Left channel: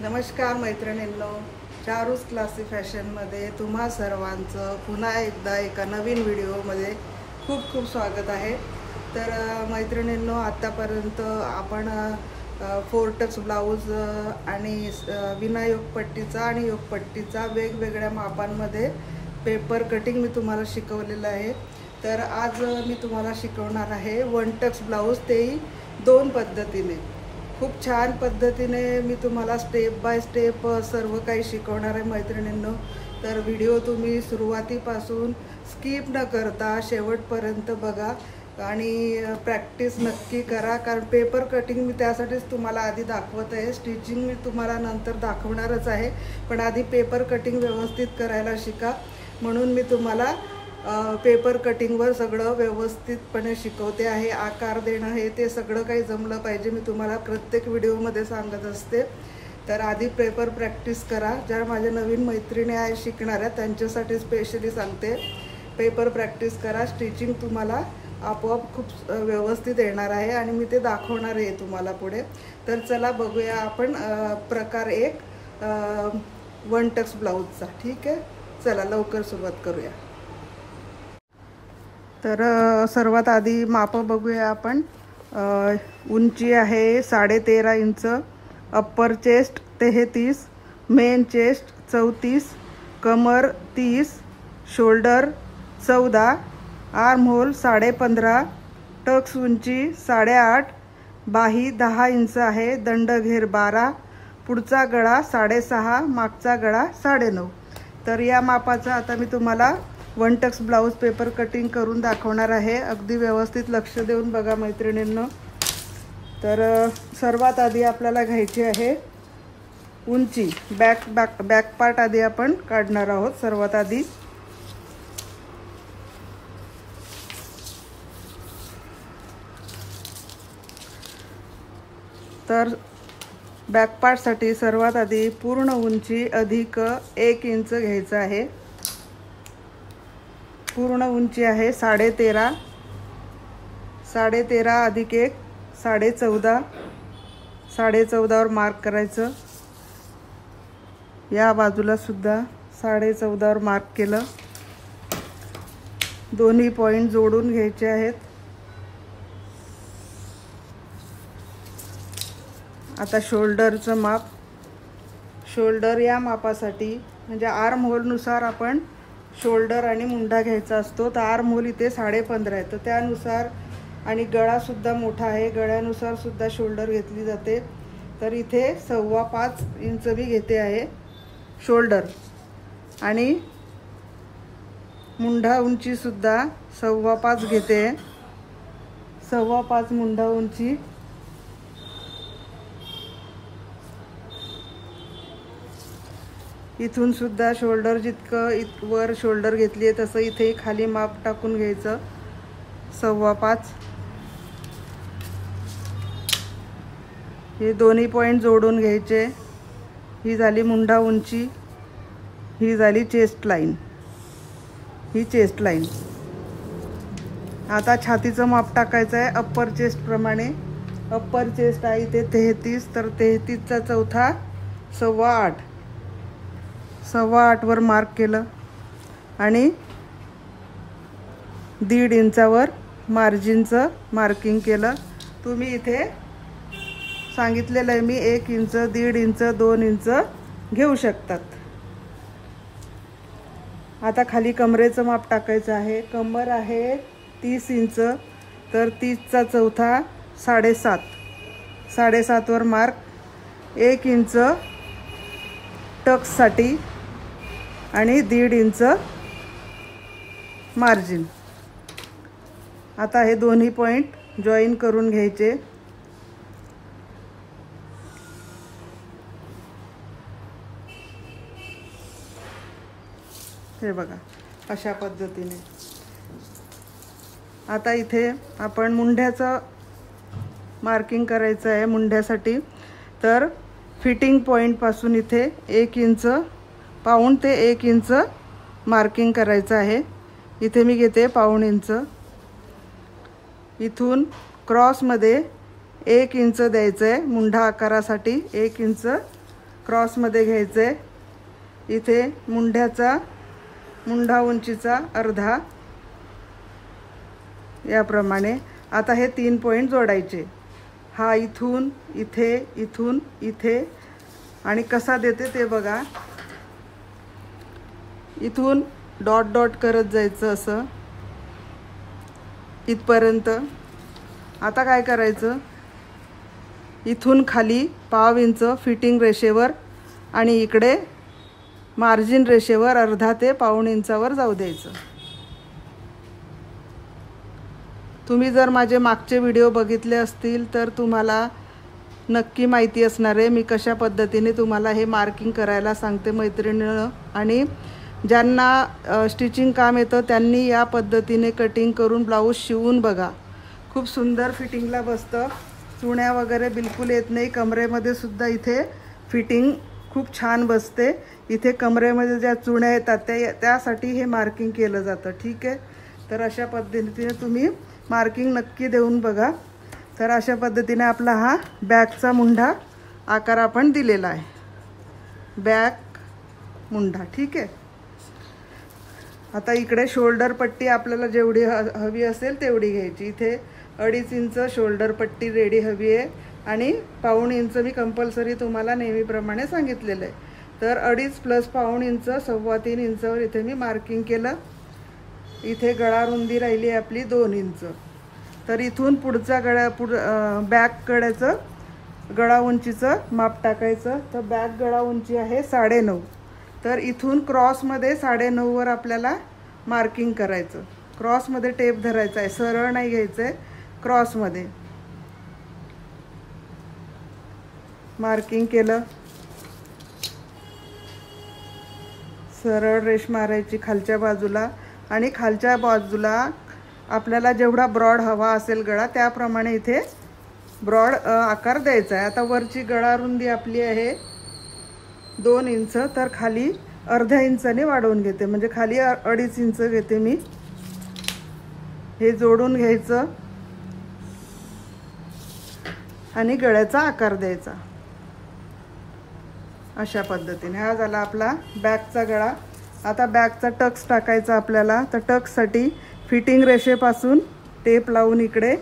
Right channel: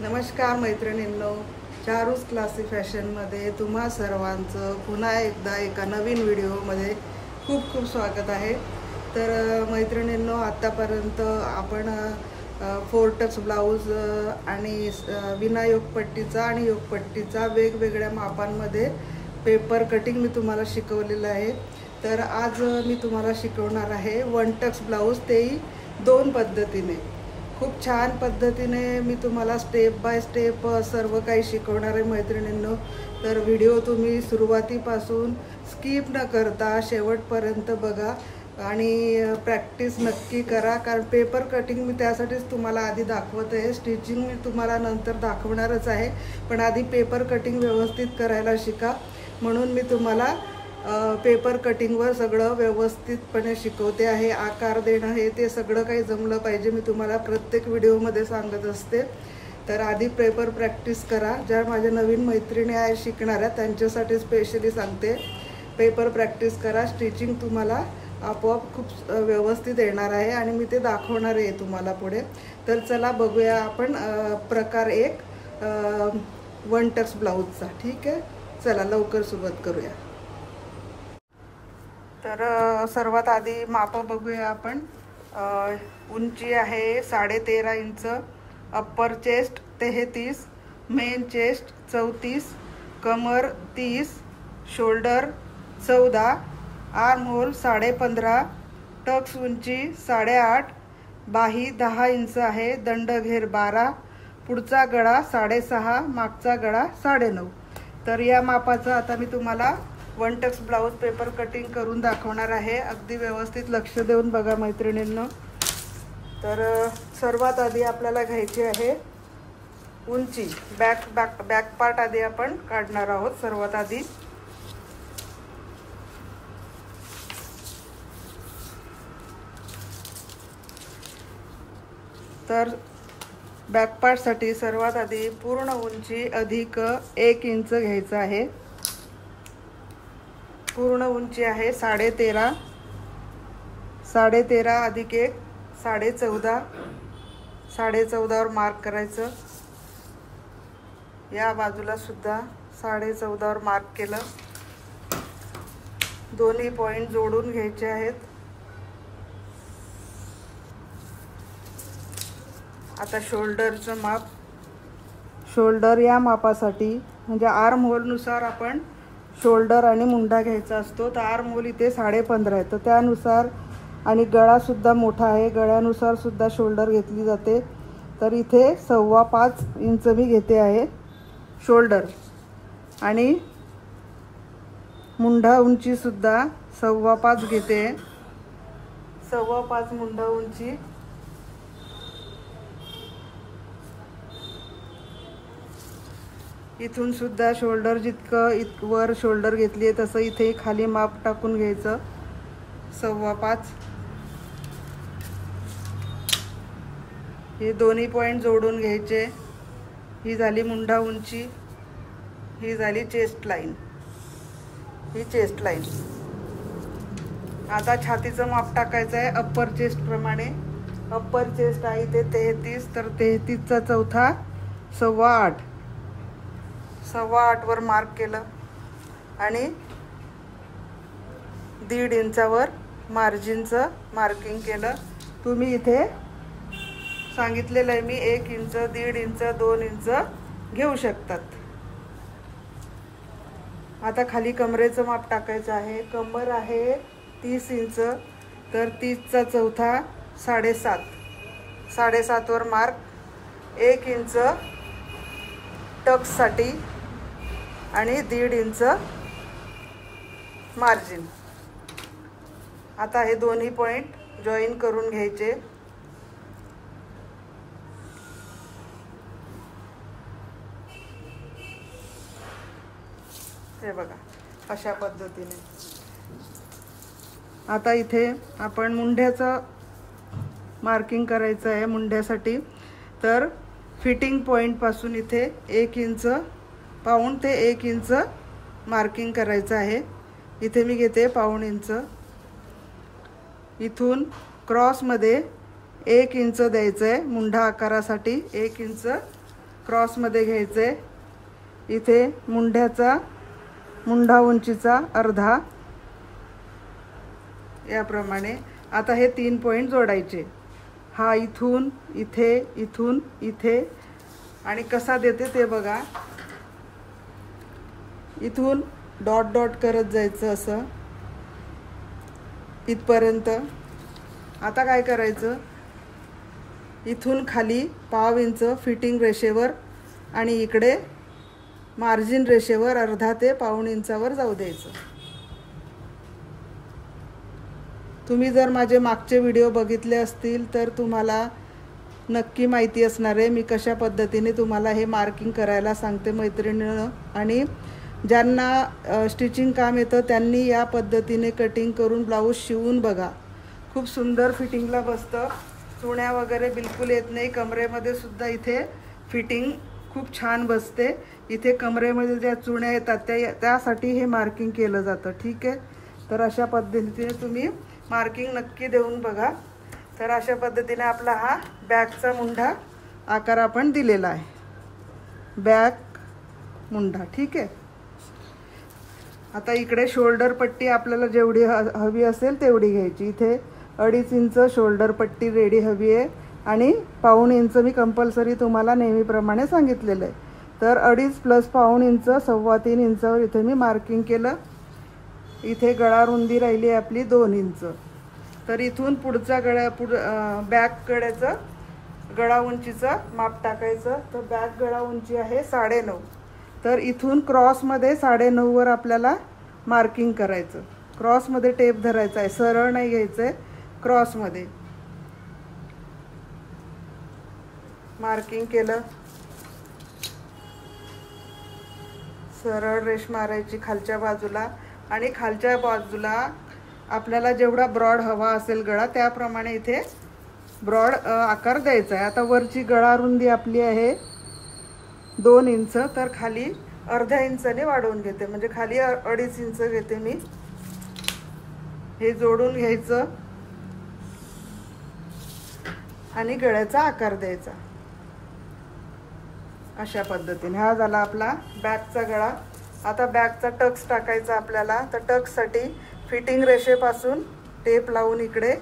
नमस्कार मैत्रिणींनो, चारूस क्लासी फॅशनमध्ये तुम्हा सर्वांचं पुन्हा एकदा एका नवीन व्हिडिओमध्ये खूप खूप स्वागत आहे। तर मैत्रिणींनो, आत्तापर्यंत आपण फोरटक्स ब्लाऊज आणि विना योगपट्टीचा आणि योगपट्टीचा वेगवेगळ्या मापांमध्ये पेपर कटिंग मी तुम्हाला शिकवलेलं आहे। तर आज मी तुम्हाला शिकवणार आहे वन टक्स ब्लाऊज, तेही दोन पद्धतीने। खूप छान पद्धतीने मी तुम्हाला स्टेप बाय स्टेप सर्व काही शिकवणार आहे मैत्रिणींनो। तर व्हिडिओ तुम्ही सुरुवातीपासून स्किप न करता शेवटपर्यंत बघा आणि प्रॅक्टिस नक्की करा, कारण पेपर कटिंग मी त्यासाठीच तुम्हाला आधी दाखवत आहे। स्टिचिंग मी तुम्हाला नंतर दाखवणारच आहे, पण आधी पेपर कटिंग व्यवस्थित करायला शिका, म्हणून मी तुम्हाला पेपर कटिंगवर सगळं व्यवस्थितपणे शिकवते आहे। आकार देणं हे ते सगळं काही जमलं पाहिजे, मी तुम्हाला प्रत्येक व्हिडिओमध्ये सांगत असते। तर आधी पेपर प्रॅक्टिस करा। ज्या माझ्या नवीन मैत्रिणी आहे शिकणाऱ्या त्यांच्यासाठी स्पेशली सांगते, पेपर प्रॅक्टिस करा। स्टिचिंग तुम्हाला आपोआप खूप व्यवस्थित येणार आहे आणि मी ते दाखवणार आहे तुम्हाला पुढे। तर चला बघूया आपण प्रकार एक वन टक्स ब्लाऊजचा। ठीक आहे, चला लवकर सुरुवात करूया। तर सर्वात आधी माप बघूया आपण। उंची आहे 13.5 inch, upper chest 33, main chest 34, कमर 30, शोल्डर 14, आर्म होल 15.5, टक्स उंची 8.5, बाही 10 इंच आहे, दंडघेर 12, पुढचा गळा 6.5, मागचा गळा 9.5। तर या मापाचा आता मी तुम्हाला one Tux blouse paper cutting करून दाखवणार आहे। अगदी व्यवस्थित लक्ष देऊन बघा मैत्रिणींनो। तर सर्वात आधी आपल्याला घ्यायची आहे उंची। बॅक पार्ट आधी आपण काढणार आहोत सर्वात आधी। तर बॅक पार्टसाठी सर्वात आधी पूर्ण उंची अधिक 1 इंच घ्यायचं आहे। पूर्ण उंची आहे 13.5, 13.5 अधिक 1 14.5, 14.5वर मार्क करायचं। या बाजूला सुद्धा 14.5वर मार्क केलं। दोन्ही पॉइंट जोडून घ्यायचे आहेत। आता शोल्डरचं माप। शोल्डर या मापासाठी म्हणजे आर्म होलनुसार आपण शोल्डर आणि मुंडा घ्यायचा असतो। तर आर्म होल इथे 15.5 आहे, तर त्यानुसार, आणि गळासुद्धा मोठा आहे, गळ्यानुसार सुद्धा शोल्डर घेतली जाते। तर इथे 5.25 इंच मी घेते आहे शोल्डर, आणि मुंडा उंची सुद्धा 5.25 घेते। 5.25 मुंडा उंची। इथून सुद्धा शोल्डर जितकं वर शोल्डर घेतली आहे तसं इथे खाली माप टाकून घ्यायचं 5.25। हे दोन्ही पॉइंट जोडून घ्यायचे। ही झाली मुंडा उंची, ही झाली चेस्ट लाईन, ही चेस्ट लाईन। आता छातीचं माप टाकायचं आहे अप्पर चेस्ट प्रमाणे। अप्पर चेस्ट आहे इथे 33, तर 33चा चौथा 8.25, 8.25वर मार्क केलं आणि 1.5 इंचावर मार्जिनचं मार्किंग केलं। तुम्ही इथे सांगितलेलं आहे मी 1 इंच, 1.5 इंच, 2 इंच घेऊ शकतात। आता खाली कमरेचं माप टाकायचं आहे। कमर आहे 30 इंच, तर 30चा चौथा 7.5, 7.5वर मार्क, 1 इंच टक्ससाठी आणि 1.5 इंच मार्जिन। आता हे दोन्ही पॉइंट जॉईन करून घ्यायचे। हे बघा अशा पद्धतीने। आता इथे आपण मुंड्याचं मार्किंग करायचं आहे। मुंड्यासाठी तर फिटिंग पॉइंट पासून इथे 1 इंच, पाऊण ते 1 इंच मार्किंग करायचं आहे। इथे मी घेते पाऊण इंच। इथून क्रॉसमध्ये 1 इंच द्यायचं आहे मुंढा आकारासाठी। 1 इंच क्रॉसमध्ये घ्यायचं आहे. इथे मुंढा उंचीचा अर्धा याप्रमाणे. आता हे 3 पॉईंट जोडायचे. हा इथून इथे, इथून इथे. आणि कसा देते ते बघा. इथून डॉट डॉट करत जायचं असं इथपर्यंत. आता काय करायचं, इथून खाली पाव इंच फिटिंग रेषेवर आणि इकडे मार्जिन रेषेवर अर्धा ते पाऊण इंचावर जाऊ द्यायचं. तुम्ही जर माझे मागचे व्हिडिओ बघितले असतील तर तुम्हाला नक्की माहिती असणार आहे मी कशा पद्धतीने तुम्हाला हे मार्किंग करायला सांगते मैत्रिणींनो. आणि ज्यांना स्टिचिंग काम येतं त्यांनी या पद्धतीने कटिंग करून ब्लाऊज शिवून बघा. खूप सुंदर फिटिंगला बसतं. चुण्या वगैरे बिलकुल येत नाही. कमरेमध्ये सुद्धा इथे फिटिंग खूप छान बसते. इथे कमरेमध्ये ज्या चुण्या येतात त्यासाठी हे मार्किंग केलं जातं. ठीक आहे. तर अशा पद्धतीने तुम्ही मार्किंग नक्की देऊन बघा. तर अशा पद्धतीने आपला हा बॅकचा मुंढा आकार आपण दिलेला आहे. बॅक मुंढा. ठीक आहे. आता इकडे शोल्डर पट्टी आपल्याला जेवढी हवी असेल तेवढी घ्यायची. इथे 2.5 इंच शोल्डर पट्टी रेडी हवी आहे आणि पाऊण इंच मी कंपल्सरी तुम्हाला नेहमीप्रमाणे सांगितलेलं आहे. तर 2.5 प्लस पाऊण इंच 3.25 इंचावर इथे मी मार्किंग केलं. इथे गळा रुंदी राहिली आपली 2 इंच. तर इथून पुढचा बॅक गळ्याचं गळा उंचीचं माप टाकायचं. तर बॅक गळा उंची आहे 9.5. तर इथून क्रॉसमध्ये 9.5 वर आपल्याला मार्किंग करायचं. क्रॉसमध्ये टेप धरायचा आहे, सरळ नाही घ्यायचं आहे. क्रॉसमध्ये मार्किंग केलं. सरळ रेष मारायची खालच्या बाजूला आणि खालच्या बाजूला आपल्याला जेवढा ब्रॉड हवा असेल गळा त्याप्रमाणे इथे ब्रॉड आकार द्यायचा आहे. आता वरची गळा रुंदी आपली आहे 2 इंच. तर खाली अर्धा इंचाने वाढवून घेते, म्हणजे खाली 2.5 इंच घेते मी. हे जोडून घ्यायचं आणि गळ्याचा आकार द्यायचा अशा पद्धतीने. हा झाला आपला बॅकचा गळा. आता बॅकचा टक्स टाकायचा आपल्याला. तर टक्ससाठी फिटिंग रेषेपासून टेप लावून इकडे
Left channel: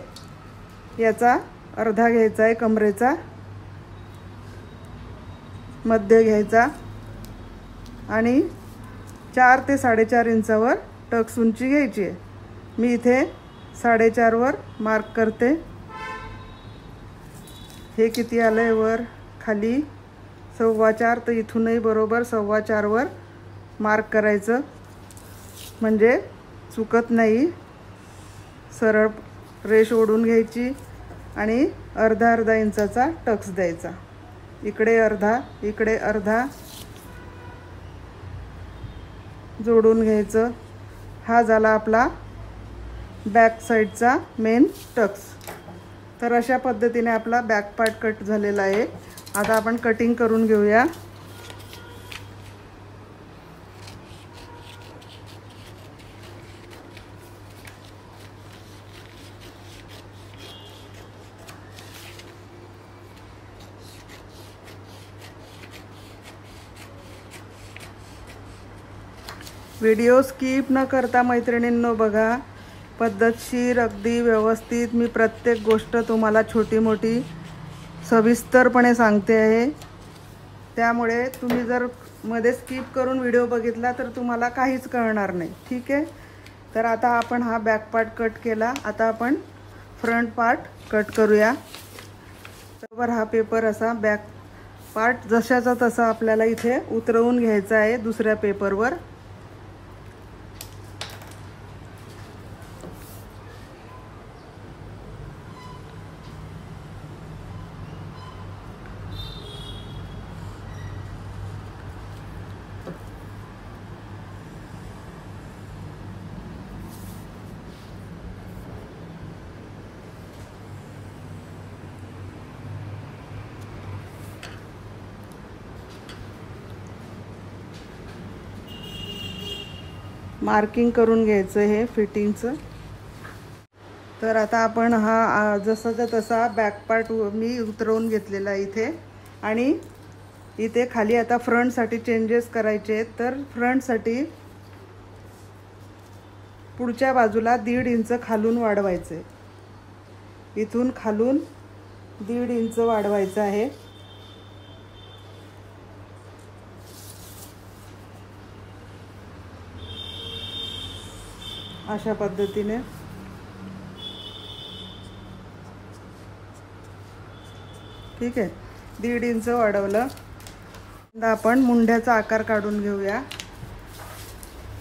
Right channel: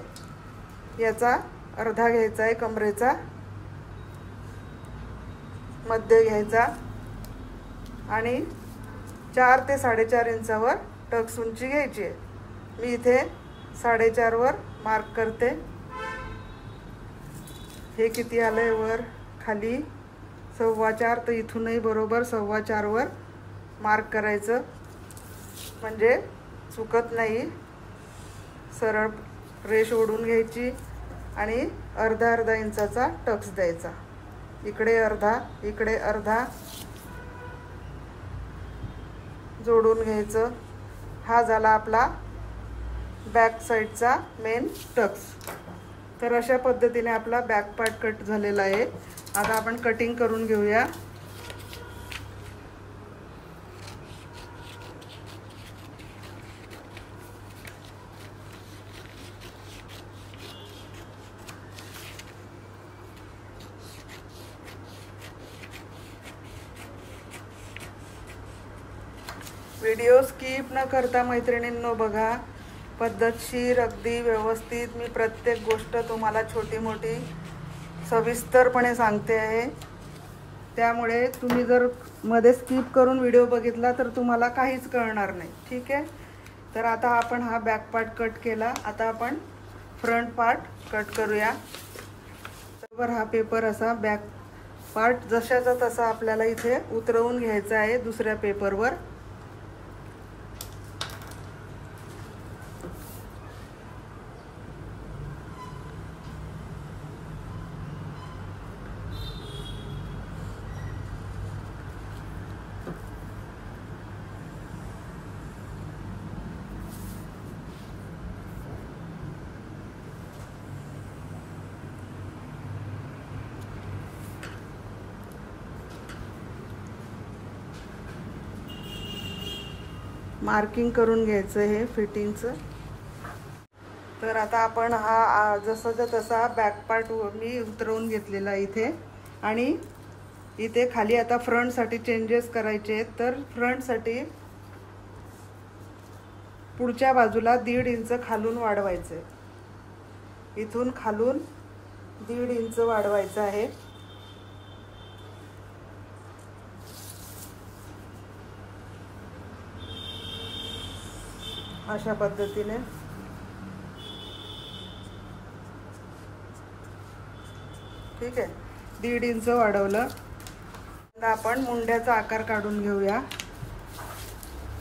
याचा अर्धा घ्यायचा आहे, कमरेचा मध्य घ्यायचा आणि 4 ते 4.5 इंचावर टक्स उंची घ्यायची आहे. मी इथे 4.5 वर मार्क करते. हे किती आलंय वर खाली 4.25. तर इथूनही बरोबर 4.25 वर मार्क करायचं म्हणजे चुकत नाही. सरळ रेष ओढून घ्यायची आणि अर्धा इंचाचा टक्स द्यायचा. इकडे अर्धा, इकडे अर्धा जोडून घ्यायचं. हा झाला आपला बॅक साईडचा मेन टक्स. तर अशा पद्धतीने आपला बॅक पार्ट कट झालेला आहे. आता आपण कटिंग करून घेऊया. व्हिडिओ स्किप न करता मैत्रिणींनो बघा. पद्धतशीर अगदी व्यवस्थित मी प्रत्येक गोष्ट तुम्हाला छोटी मोठी सविस्तरपणे सांगते आहे. त्यामुळे तुम्ही जर मध्ये स्किप करून व्हिडिओ बघितला तर तुम्हाला काहीच कळणार नाही. ठीक आहे. तर आता आपण हा बॅक पार्ट कट केला. आता आपण फ्रंट पार्ट कट करूया. बरोबर हा पेपर असा बॅक पार्ट जशाचा तसा आपल्याला इथे उतरवून घ्यायचा आहे दुसऱ्या पेपरवर. मार्किंग करून घ्यायचं हे फिटिंगचं. तर आता आपण हा जसाचा तसा बॅक पार्ट मी उतरवून घेतलेला इथे आणि इथे खाली आता फ्रंटसाठी चेंजेस करायचे आहेत, तर फ्रंटसाठी पुढच्या बाजूला 1.5 इंच खालून वाढवायचे, इथून खालून 1.5 इंच वाढवायचं आहे। अशा पद्धतीने ठीक आहे, 1.5 इंच वाढवलं। आपण मुंड्याचा आकार काढून घेऊया।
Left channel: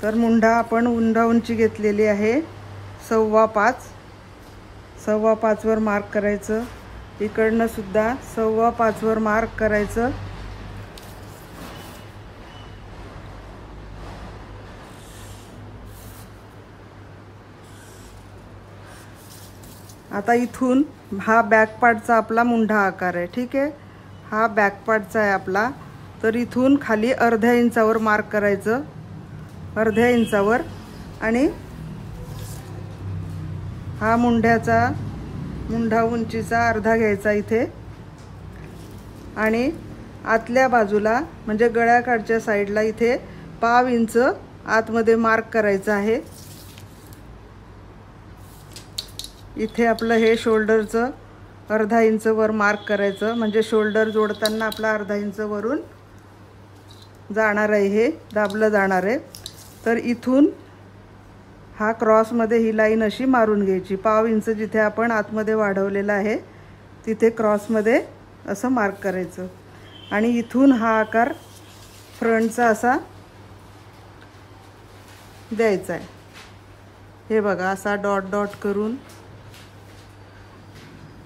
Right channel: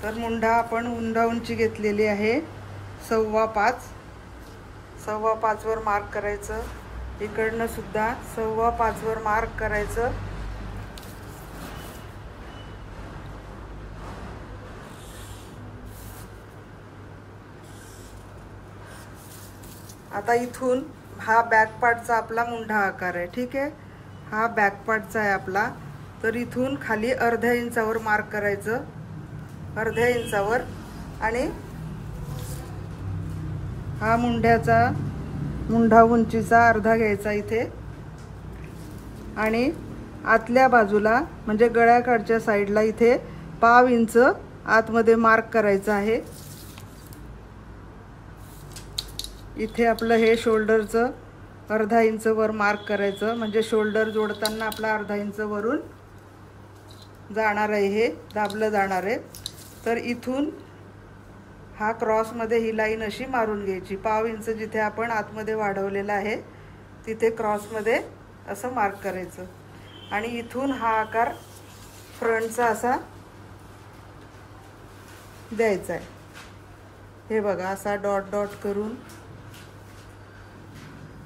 तर मुंडा आपण उंची घेतलेली आहे 5.25, 5.25 वर मार्क करायचं, इकडनं सुद्धा 5.25 वर मार्क करायचं। आता इथून हा बॅक पार्टचा आपला मुंडा आकार आहे, ठीक आहे, हा बॅक पार्टचा आहे आपला। तर इथून खाली अर्ध्या इंचावर मार्क करायचं, अर्ध्या इंचावर, आणि हा मुंडा उंचीचा अर्धा घ्यायचा इथे, आणि आतल्या बाजूला म्हणजे गळ्याकडच्या साईडला इथे 1/2 इंच आतमध्ये मार्क करायचं आहे। इथे आपलं हे शोल्डरचं अर्धा इंच वर मार्क करायचं, म्हणजे शोल्डर जोडताना आपला अर्धा इंच वरून जाणार आहे, हे दाबलं जाणार आहे। तर इथून हा क्रॉसमध्ये ही लाईन अशी मारून घ्यायची, 1/2 इंच जिथे आपण आतमध्ये वाढवलेला आहे तिथे क्रॉसमध्ये असं मार्क करायचं, आणि इथून हा आकार फ्रंटचा असा द्यायचा आहे। हे बघा, असा डॉट डॉट करून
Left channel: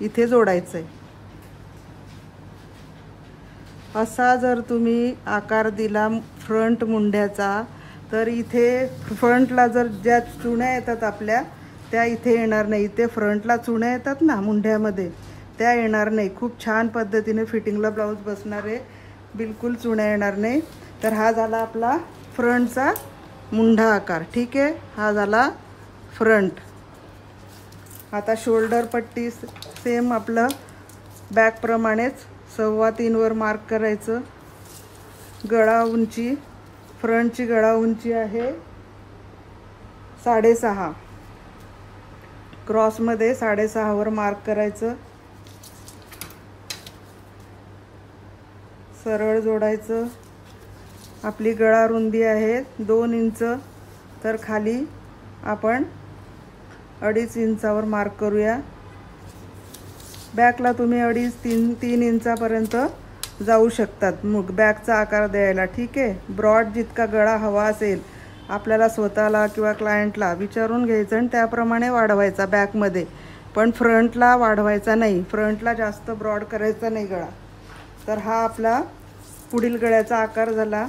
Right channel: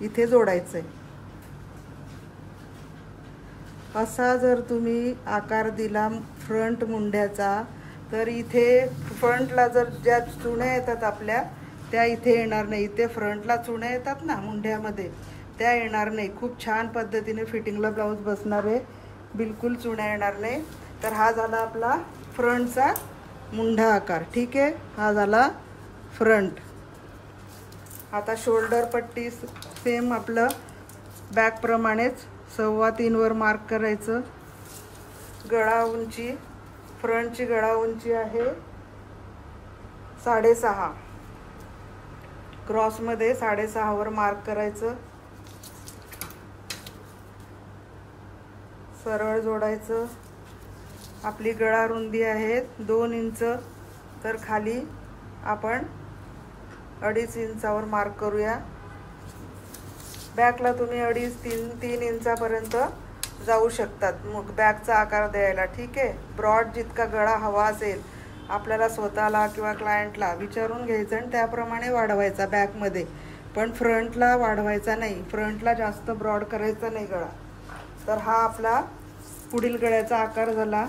इथे जोडायचं आहे। असा जर तुम्ही आकार दिला फ्रंट मुंड्याचा, तर इथे फ्रंटला जर ज्या चुण्या येतात आपल्या त्या इथे येणार नाही, इथे फ्रंटला चुण्या येतात ना मुंड्यामध्ये त्या येणार नाही। खूप छान पद्धतीने फिटिंगला ब्लाऊज बसणार आहे, बिलकुल चुण्या येणार नाही। तर हा झाला आपला फ्रंटचा मुंडा आकार, ठीक आहे, हा झाला फ्रंट। आता शोल्डर पट्टी सेम आपलं बॅक प्रमाणेच 3.25 वर मार्क करायचं। गळा उंची, फ्रंटची गळा उंची आहे 6.5, क्रॉसमध्ये 6.5 वर मार्क करायचं, सरळ जोडायचं। आपली गळा रुंदी आहे 2 इंच, तर खाली आपण 2.5 इंचावर मार्क करूया। बॅकला तुम्ही 2.5-3 इंचापर्यंत जाऊ शकतात मग बॅकचा आकार द्यायला, ठीक आहे। ब्रॉड जितका गळा हवा असेल आपल्याला स्वतःला किंवा क्लायंटला विचारून घ्यायचं आणि त्याप्रमाणे वाढवायचा बॅकमध्ये, पण फ्रंटला वाढवायचा नाही, फ्रंटला जास्त ब्रॉड करायचा नाही गळा। तर हा आपला पुढील गळ्याचा आकार झाला।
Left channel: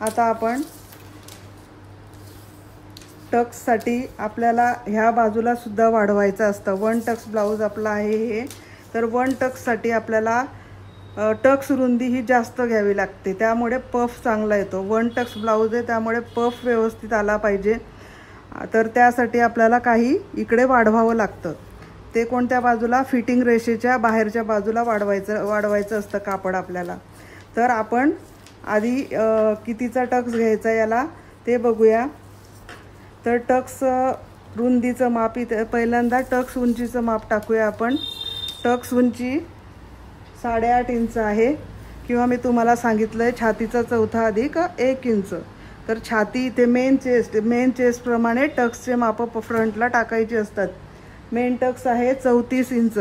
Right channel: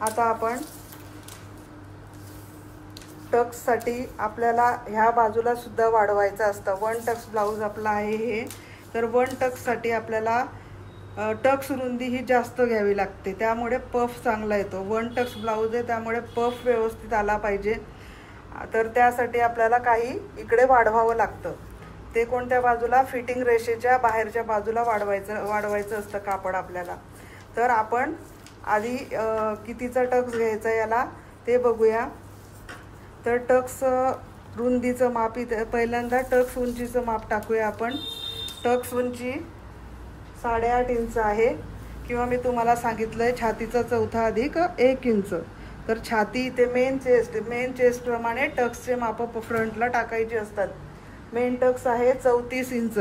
आता आपण टक्ससाठी आपल्याला ह्या बाजूला सुद्धा वाढवायचं असतं। 1 टक्स ब्लाऊज आपला आहे हे, तर 1 टक्ससाठी आपल्याला टक्स रुंदी ही जास्त घ्यावी लागते, त्यामुळे पफ चांगला येतो। 1 टक्स ब्लाऊज आहे त्यामुळे पफ व्यवस्थित आला पाहिजे, तर त्यासाठी आपल्याला काही इकडे वाढवावं लागतं। ते कोणत्या बाजूला? फिटिंग रेषेच्या बाहेरच्या बाजूला वाढवायचं असतं कापड आपल्याला। तर आपण आधी कितीचा टक्स घ्यायचा याला ते बघूया। तर टक्स रुंदीचं माप इथे पहिल्यांदा टक्स उंचीचं माप टाकूया आपण। टक्स उंची 8.5 इंच आहे, किंवा मी तुम्हाला सांगितलंय छातीचा चौथा अधिक 1 इंच। तर छाती इथे मेन चेस्ट प्रमाणे टक्सचे माप फ्रंटला टाकायचे असतात। मेन टक्स आहे 34 इंच,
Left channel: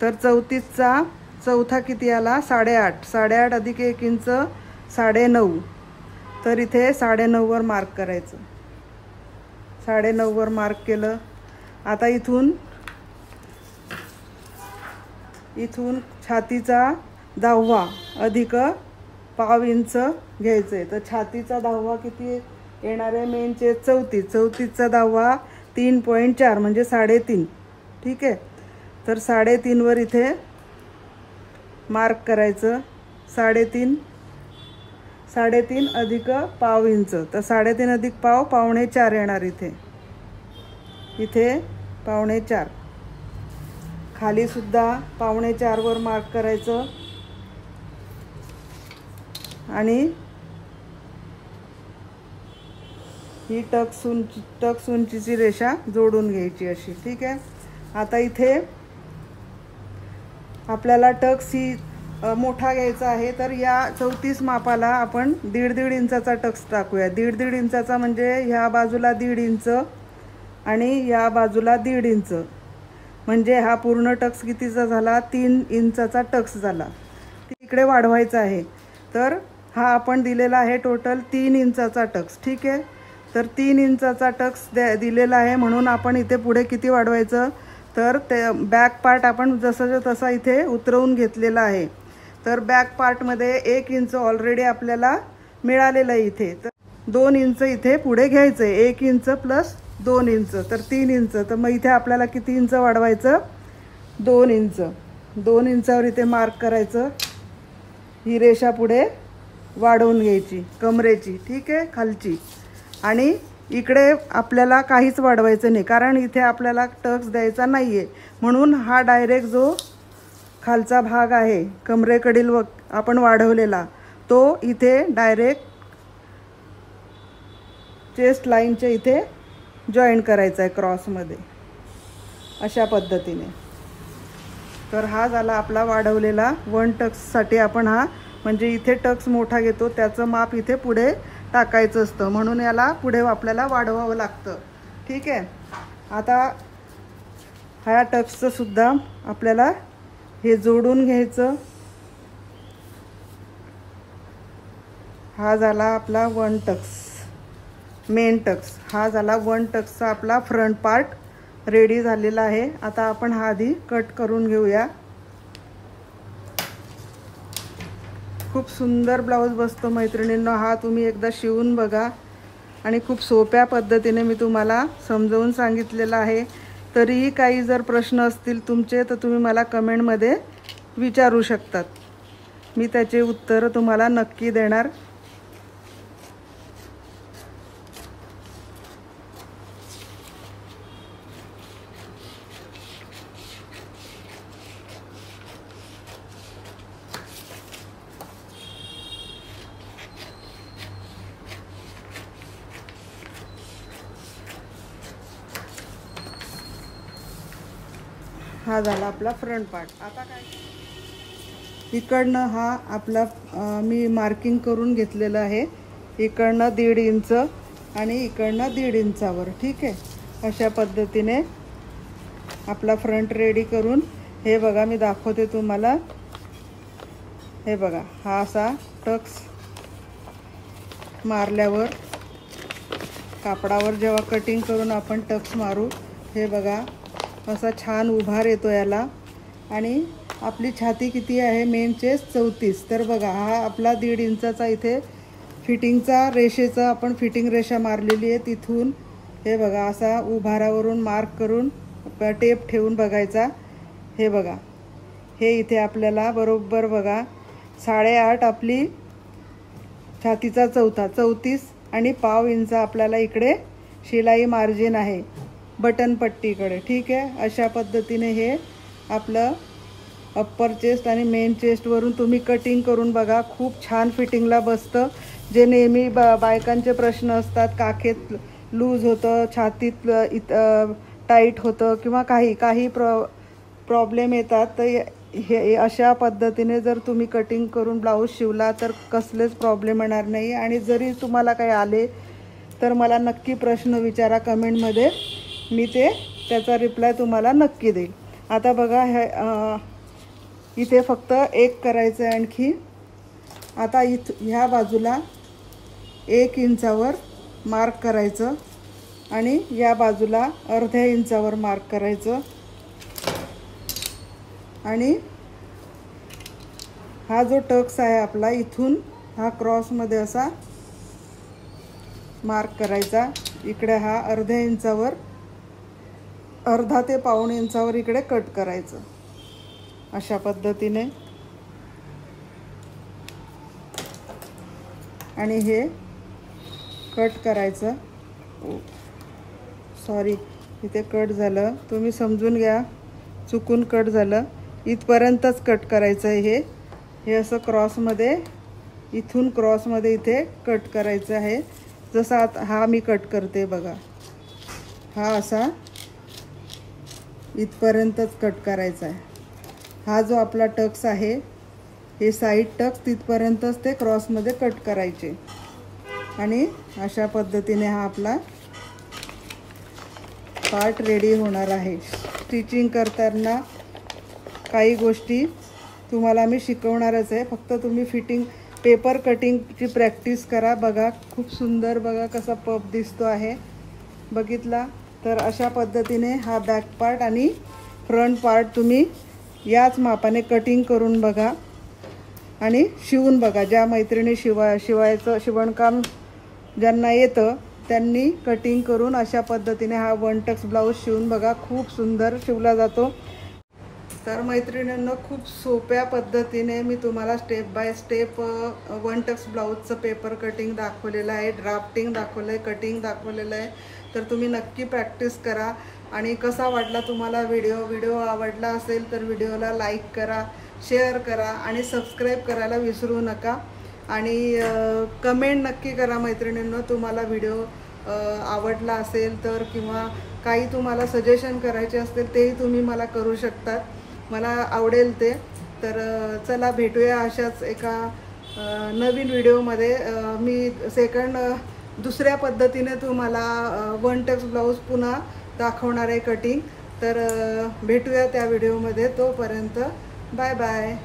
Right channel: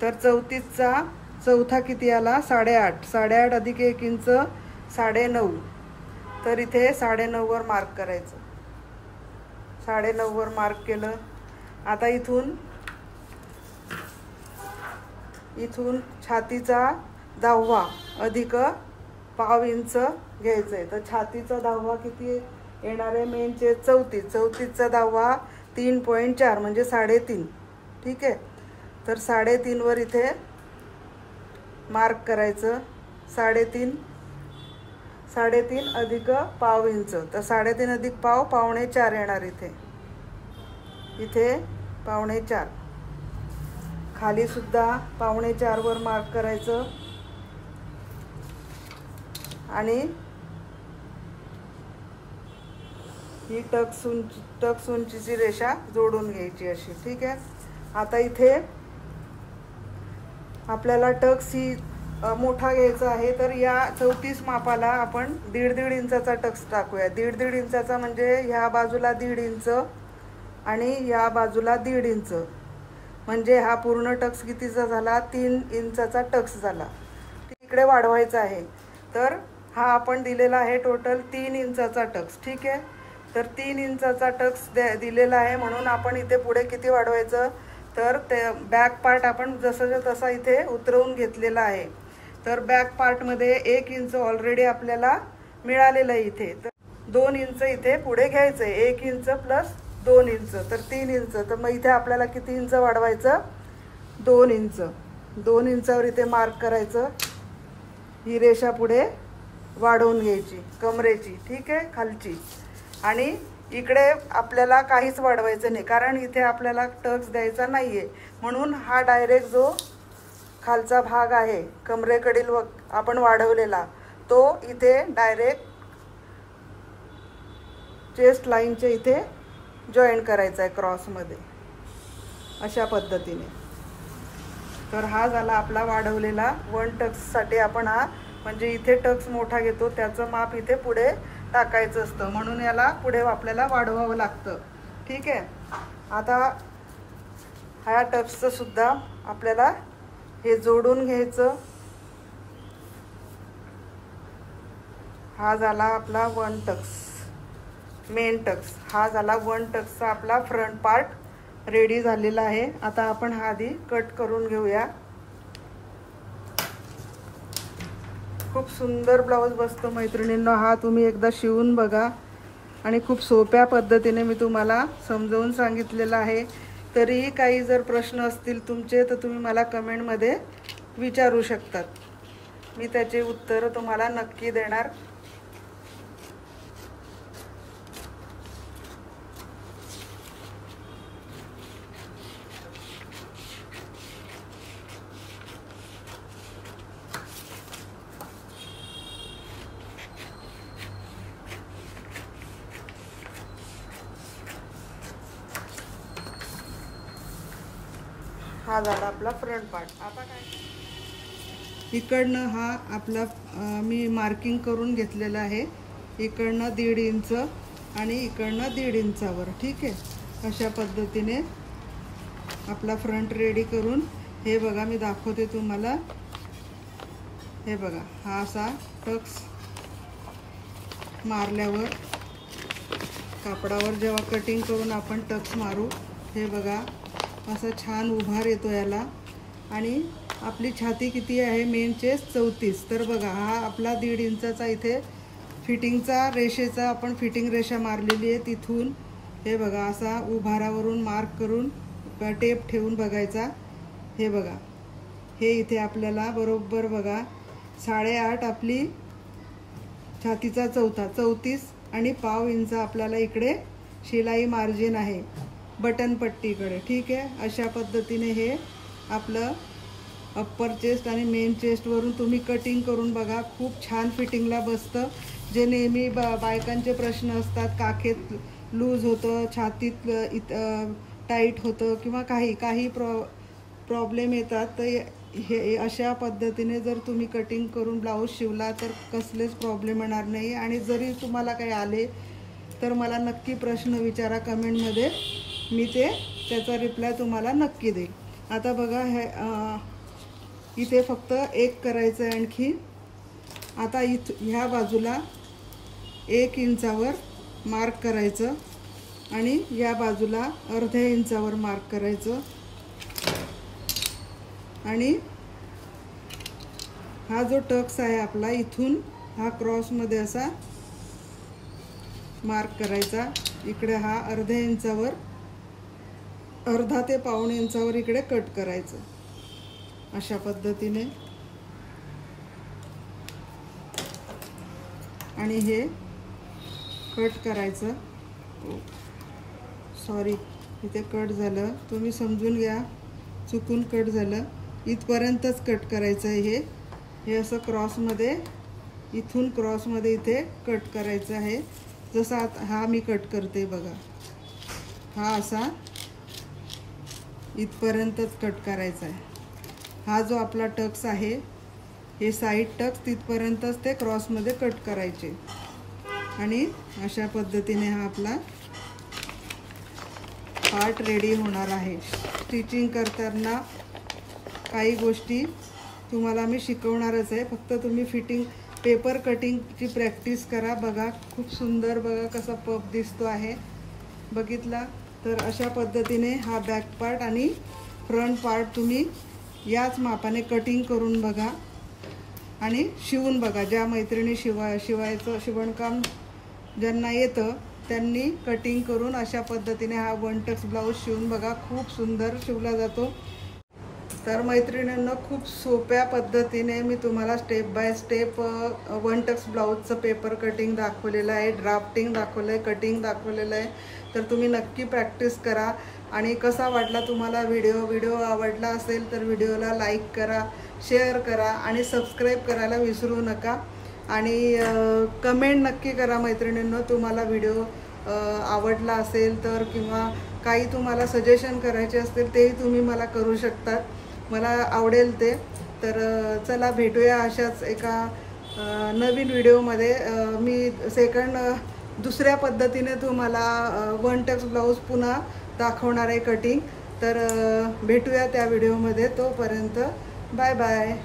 तर 34चा चौथा किती आला? 8.5, 8.5 अधिक 1 इंच 9.5, तर इथे 9.5 वर मार्क करायचं, 9.5 वर मार्क केलं। आता इथून छातीचा 10वा अधिक 1/2 इंच घ्यायचंय, तर छातीचा 10वा किती येणार आहे? मेन चेस्ट 34चा 10वा 3.4 म्हणजे 3.5, ठीक आहे। तर 3.5 वर इथे मार्क करायचं, 3.5 अधिक 1/2 इंच, तर 3.5 अधिक 1/2 4.25 येणार इथे 4.25। खाली सुद्धा 4.25 वर मार्क करायचं, आणि ही टक्स उंचीची रेषा जोडून घ्यायची अशी, ठीक आहे। आता इथे आपल्याला टक्स ही मोठा घ्यायचा आहे, तर या 34 मापाला आपण 1.5 इंचाचा टक्स टाकूया। 1.5 इंचाचा म्हणजे ह्या बाजूला 1.5 इंच आणि या बाजूला 1.5 इंच, म्हणजे हा पूर्ण टक्स कितीचा झाला, 3 इंचाचा टक्स झाला। इकडे वाढवायचा आहे, तर हा आपण दिलेला आहे टोटल 3 इंचाचा टक्स, ठीक आहे। तर 3 इंचाचा टक्स दिलेला आहे, म्हणून आपण इथे पुढे किती वाढवायचं, तर ते बॅक पार्ट आपण जसं तसा इथे उतरवून घेतलेला आहे। तर बॅक पार्टमध्ये 1 इंच ऑलरेडी आपल्याला मिळालेलं आहे इथे, तर 2 इंच इथे पुढे घ्यायचं आहे। 1 इंच प्लस 2 इंच, तर 3 इंच। तर मग इथे आपल्याला किती इंच वाढवायचं, 2 इंच। 2 इंचावर इथे मार्क करायचं, ही रेषा पुढे वाढवून घ्यायची कमरेची, ठीक आहे, खालची। आणि इकडे आपल्याला काहीच वाढवायचं नाही, कारण इथे आपल्याला टक्स द्यायचा नाही आहे, म्हणून हा डायरेक्ट जो खालचा भाग आहे कमरेकडील आपण वाढवलेला, तो इथे डायरेक्ट चेस्ट लाईनच्या इथे जॉईन करायचा आहे क्रॉसमध्ये, अशा पद्धतीने। तर हा झाला आपला वाढवलेला 1 टक्ससाठी आपण हा, म्हणजे इथे टक्स मोठा घेतो त्याचं माप इथे पुढे टाकायचं असतं, म्हणून याला पुढे आपल्याला वाढवावं लागतं, ठीक आहे। आता ह्या टक्सचं सुद्धा आपल्याला हे जोडून घ्यायचं। हा झाला आपला 1 टक्स, मेन टक्स। हा झाला 1 टक्सचा आपला फ्रंट पार्ट रेडी झालेला आहे। आता आपण हा आधी कट करून घेऊया। खूप सुंदर ब्लाऊज बसतो मैत्रिणींनो, हा तुम्ही एकदा शिवून बघा, आणि खूप सोप्या पद्धतीने मी तुम्हाला समजावून सांगितलेलं आहे। तरीही काही जर प्रश्न असतील तुमचे, तर तुम्ही मला कमेंटमध्ये विचारू शकतात, मी त्याचे उत्तर तुम्हाला नक्की देणार। हा झाला आपला फ्रंट पार्ट। आता काय, इकडनं हा आपला मी मार्किंग करून घेतलेलं आहे, इकडनं 1.5 इंच आणि इकडनं 1.5 इंचावर, ठीक आहे। अशा पद्धतीने आपला फ्रंट रेडी करून, हे बघा मी दाखवते तुम्हाला, हे बघा, हा असा टक्स मारल्यावर कापडावर जेव्हा कटिंग करून आपण टक्स मारू, हे बघा असा छान उभार येतो याला। आणि आपली छाती किती आहे, मेन चेस्ट 34, तर बघा हा आपला 1.5 इंचाचा इथे फिटिंगचा रेषेचा आपण फिटिंग रेषा मारलेली आहे, तिथून हे बघा असा उभारावरून मार्क करून टेप ठेवून बघायचा। हे बघा, हे इथे आपल्याला बरोबर बघा 8.5 आपली छातीचा चौथा 34 आणि पाव इंच आपल्याला इकडे शिलाई मार्जिन आहे बटन पट्टीकडे, ठीक आहे। अशा पद्धतीने हे आपलं अप्पर चेस्ट आणि मेन चेस्ट वरून तुम्ही कटिंग करून बघा, खूप छान फिटिंगला बसतं। जे नेहमी बायकांचे प्रश्न असतात, काखेत लूज होतं, छातीत टाईट होतं, किंवा काही प्रॉब्लेम येतात, तर हे अशा पद्धतीने जर तुम्ही कटिंग करून ब्लाऊज शिवला तर कसलेच प्रॉब्लेम येणार नाही। आणि जरी तुम्हाला काही आले तर मला नक्की प्रश्न विचारा कमेंटमध्ये, मी त्याचा रिप्लाय तुम्हाला नक्की देईल। आता बघा इथे फक्त एक करायचं आहे आणखी। आता ह्या बाजूला 1 इंचावर मार्क करायचं आणि या बाजूला अर्ध्या इंचावर मार्क करायचं, आणि हा जो टक्स आहे आपला इथून हा क्रॉसमध्ये असा मार्क करायचा। इकडे हा अर्ध्या इंचावर, अर्धा ते पाऊण इंचावर इकडे कट करायचं, अशा पद्धतीने। आणि हे कट करायचं, सॉरी इथे कट झालं, तुम्ही समजून घ्या, चुकून कट झालं, इथपर्यंतच कट करायचं आहे। हे असं क्रॉसमध्ये इथून क्रॉसमध्ये इथे कट करायचं आहे। जसा हा मी कट करते बघा, हा असा इथपर्यंतच कट करायचा आहे। हा जो आपला टक्स आहे, हे साईड टक्स तिथपर्यंतच ते क्रॉसमध्ये कट करायचे आणि अशा पद्धतीने हा आपला पार्ट रेडी होणार आहे। स्टिचिंग करताना काही गोष्टी तुम्हाला मी शिकवणारच आहे, फक्त तुम्ही फिटिंग पेपर कटिंगची प्रॅक्टिस करा। बघा खूप सुंदर, बघा कसा पफ दिसतो आहे, बघितला तर अशा पद्धतीने हा बॅक पार्ट आणि फ्रंट पार्ट तुम्ही याच मापाने कटिंग करून बघा आणि शिवून बघा। ज्या मैत्रिणी शिवायचं शिवणकाम ज्यांना येतं त्यांनी कटिंग करून अशा पद्धतीने हा वन टक्स ब्लाऊज शिवून बघा, खूप सुंदर शिवला जातो। तर मैत्रिणींनो, खूप सोप्या पद्धतीने मी तुम्हाला step by step one tucks ब्लाऊजचं पेपर कटिंग दाखवलेलं आहे, ड्राफ्टिंग दाखवलं आहे, कटिंग दाखवलेलं आहे। तर तुम्ही नक्की प्रॅक्टिस करा। आणि कसा वाटला तुम्हाला व्हिडिओ आवडला असेल तर व्हिडिओला लाईक करा, शेअर करा आणि सबस्क्राईब करायला विसरू नका। आणि कमेंट नक्की करा मैत्रिणींनो, तुम्हाला व्हिडिओ आवडला असेल तर, किंवा काही तुम्हाला सजेशन करायचे असतील तेही तुम्ही मला करू शकतात, मला आवडेल ते। तर चला भेटूया अशाच एका नवीन व्हिडिओमध्ये। मी दुसऱ्या पद्धतीने तुम्हाला वन टक्स ब्लाऊज पुन्हा दाखवणार आहे कटिंग। तर भेटूया त्या व्हिडिओमध्ये, तोपर्यंत बाय बाय।